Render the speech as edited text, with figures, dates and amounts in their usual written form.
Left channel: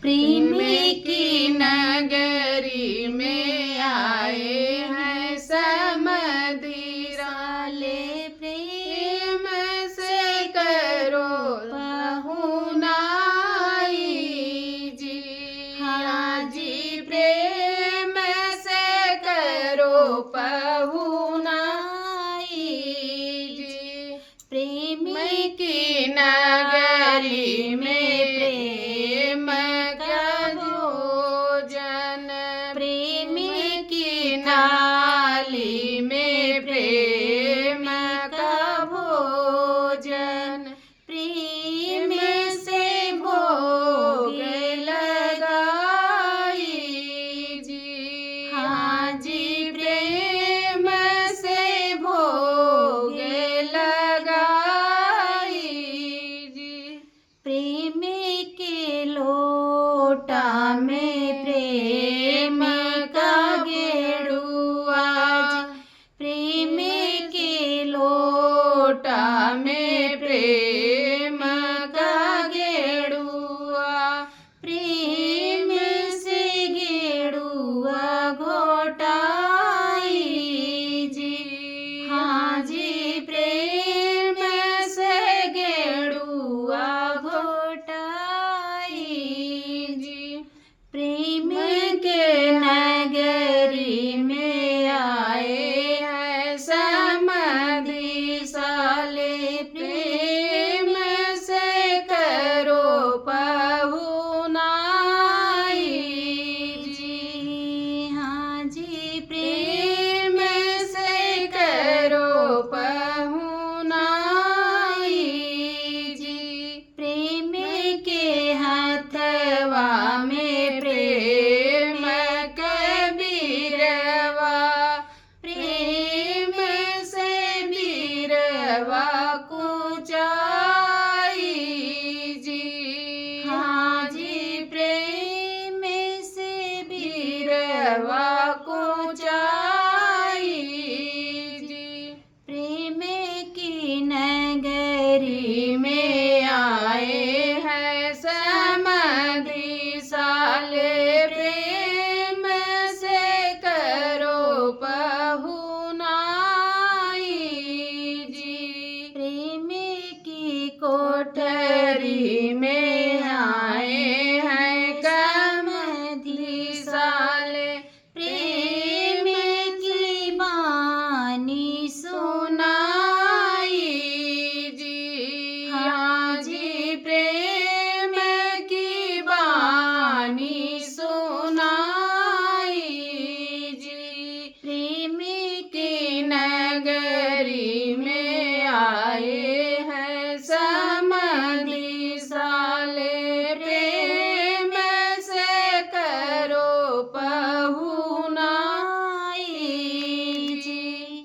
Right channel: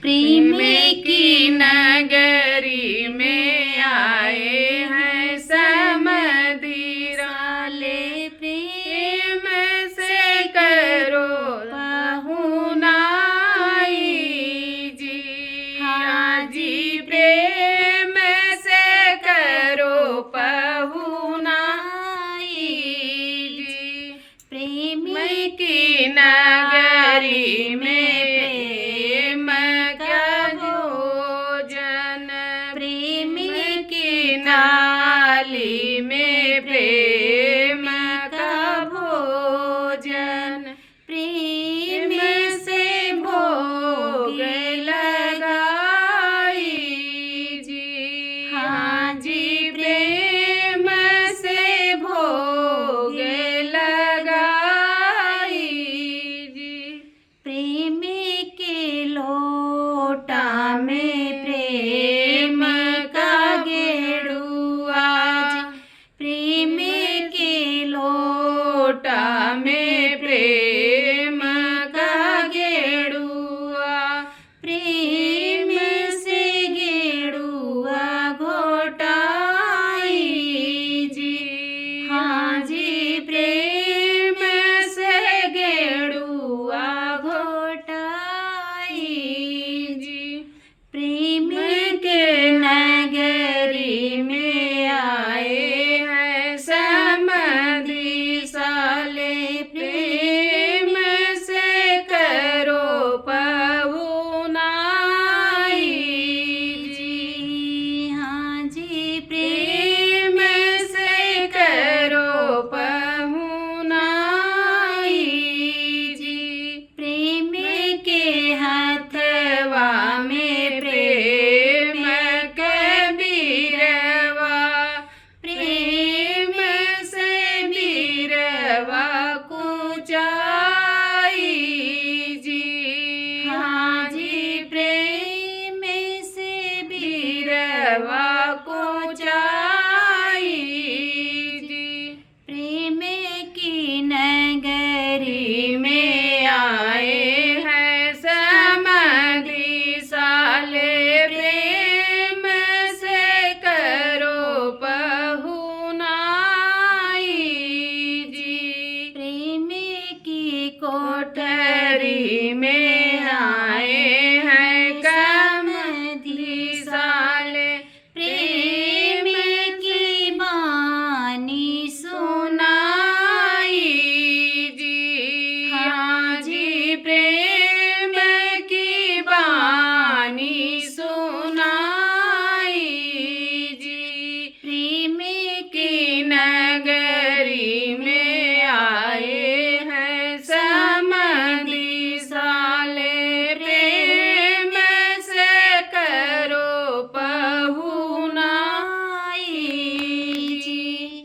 प्रेम की नगरी में आए हैं समधीरा ले, प्रेम से करो पहुनाई जी। हाँ जी, प्रेम से करो पहुनाई जी। प्रेम की नगरी में प्रेम का भोजन, प्रेम की नाली में प्रेम का भोजन, प्रेम से भोग लगाई जी। हाँ जी, प्रेम से भोग लगाई जी। प्रेम के लोटा में प्रेम का गेड़ुआ, प्रेम के लोटा में प्रेम का गेड़ुआ, प्रेम से गेड़ुआ घोटाई जी। हाँ जी, प्रेम से गेड़ुआ घोटाई